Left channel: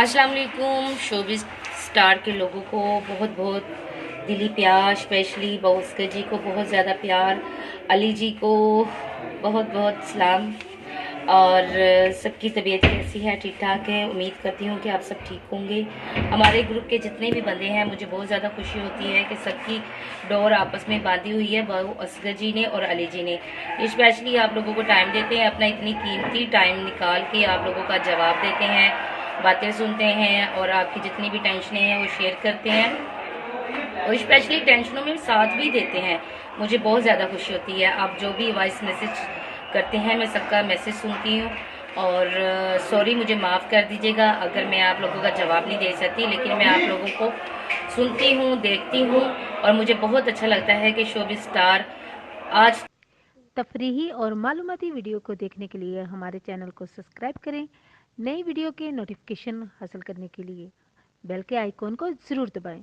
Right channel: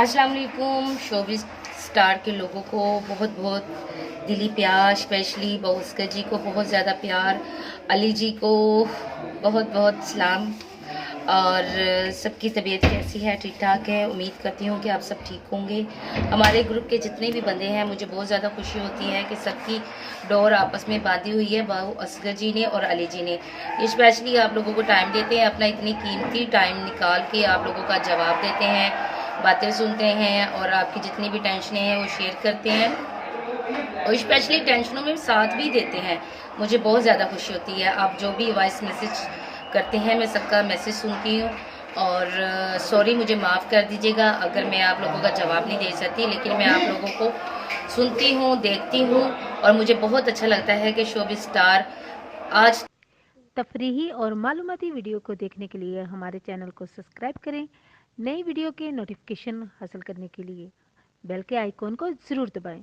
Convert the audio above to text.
अस्सलाम वालेकुम। Showbiz star के लोगों को बहुत बहुत दिली प्यार, स्पेशली बउस्कर जी को बहुत ज़्यादा प्यार, अली जी को बहुत बहुत सलाम। और सबकी तबीयत कैसी है? ठीक ठाक है। उम्मीद करती हूँ कि आप सब ठीक होंगे। हमारे ग्रुप के जितने भी बंदे हैं, मुझे बहुत ज़्यादा खुशी होती है कि सबकी डोर आपस में बांधी हुई है बाबू असगर जी ने और अली जी ने। स्पेशली आप लोगों को टाइम देते हैं, अपना इतनी कीमती टाइम निकाल के आप लोगों का जवाब देते हैं, बातें सुनते हैं और आपकी जितनी भी टेंशनें हैं वो शेयर करते हैं और स्पेशली टेंशनों में साथ भी देते हैं। मुझे बहुत ज़्यादा खुशी होती है। आप जो भी वॉइस मैसेज करते हैं, मैं सबका मैसेज सुनती हूँ और सॉरी, मुझे माफ़ कर दीजिएगा अगर मैं आप लोगों का जवाब नहीं दे सकती, लेकिन मैं आप लोगों को सुनती हूँ, देखती हूँ और मुझे बहुत अच्छा लगता है कि शोबिज़ स्टार आज तफरीही और मालूमाती वीडियो को देखने के लिए हमारे चैनल को सब्सक्राइब करें। नई वीडियो के नोटिफिकेशन हासिल करने के लिए बेल के आइकॉन को ज़रूर दबाएं।